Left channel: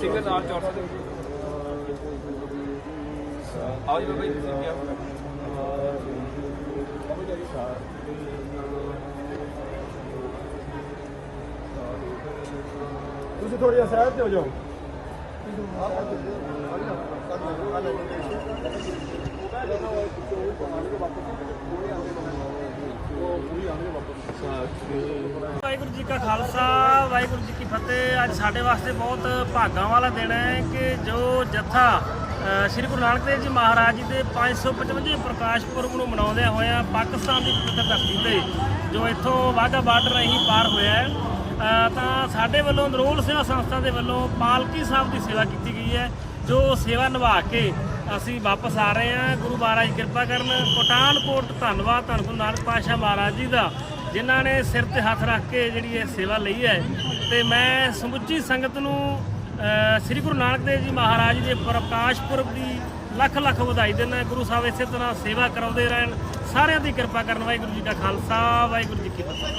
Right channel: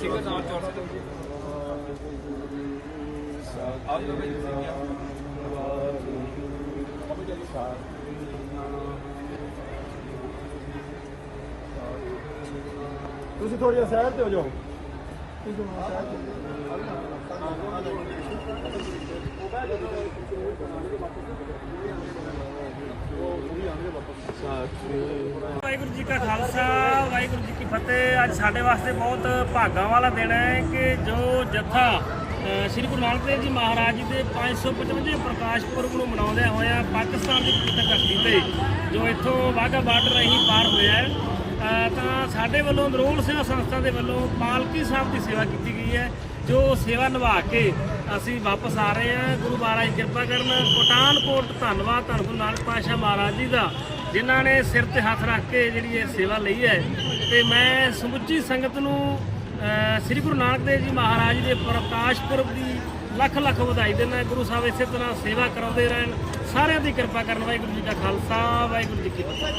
Single ਨਾਲ ਚੌਥਾ ਦੇ ਆਓ ਜੀ ਬਾਈ ਤੁਸੀਂ ਥੋੜੀ ਜਿਹਾ ਸਾਈਡ ਤੇ ਹੋ ਜਾਓ। ਵਾਹਿਗੁਰੂ ਜੀ ਕਾ ਖਾਲਸਾ, ਵਾਹਿਗੁਰੂ ਜੀ ਕੀ ਫਤਿਹ। ਅੱਜ ਸਾਡੇ ਵਾਸਤੇ ਬਹੁਤ ਭਾਗਾਂ ਵਾਲਾ ਦਿਨ ਹੈ ਕਿ ਜੋ ਜਥਾ ਸ੍ਰੀ ਗੁਰੂ ਨਾਨਕ ਦੇਵ ਜੀ ਮਹਾਰਾਜ ਜੀ ਦੇ 555 ਪ੍ਰਕਾਸ਼ ਪੁਰਬ ਨੂੰ ਮਨਾਉਂਦਿਆਂ ਹੋਇਆਂ ਪਾਕਿਸਤਾਨ ਦੀ ਪਵਿੱਤਰ ਧਰਤੀ ਤੇ, ਜੋ ਇੱਥੋਂ ਵਾਹਗਾ ਬਾਰਡਰ ਰਹੀ ਪਾਰ ਹੋਇਆ ਤਾਂ ਸਾਡੇ ਵੱਲੋਂ ਨਰੋਲ ਸੇਵਾ ਸੰਸਥਾ ਦੇ ਵੱਲੋਂ ਪਾਲਕੀ ਸਾਹਿਬ ਦੀ ਸੇਵਾ ਕੀਤੀ ਗਈ ਹੈ, ਜੋ ਸੇਵਾ ਨਿਭਾ ਕੇ ਅਸੀਂ ਵਾਪਸ ਆ ਰਹੇ ਹਾਂ। ਗੁਰੂ ਮਹਾਰਾਜ ਕਿਰਪਾ ਕਰਨ ਕੋਟਾਨਕੋਟ ਧੰਨਵਾਦ ਧੰਨ ਗੁਰੂ ਨਾਨਕ ਪਾਤਸ਼ਾਹ ਮਹਾਰਾਜ ਜੀ ਦਾ, ਜਿਨ੍ਹਾਂ ਨੇ ਸਿਰ ਤੇ ਹੱਥ ਰੱਖ ਕੇ ਜਿਹੜੀ ਇਹ ਸੇਵਾ ਲਈ ਹੈ। ਤੇ ਮੈਂ ਸਮੁੱਚੀ ਸੰਗਤ ਨੂੰ ਸ੍ਰੀ ਗੁਰੂ ਨਾਨਕ ਦੇਵ ਜੀ ਮਹਾਰਾਜ ਦੇ ਪ੍ਰਕਾਸ਼ ਪੁਰਬ ਦੀ ਲੱਖ ਲੱਖ ਵਧਾਈ ਦਿੰਦਾ। ਗੁਰੂ ਸਾਹਿਬ ਇਸੇ ਤਰ੍ਹਾਂ ਸੇਵਾ ਕਰਾਉਂਦੇ ਰਹਿਣ। ਸਾਰਿਆਂ ਦੀ ਕਿਰਪਾ ਕਰਨ। ਵਾਹਿਗੁਰੂ ਜੀ ਕਾ ਖਾਲਸਾ, ਵਾਹਿਗੁਰੂ ਜੀ ਕੀ ਫਤਿਹ।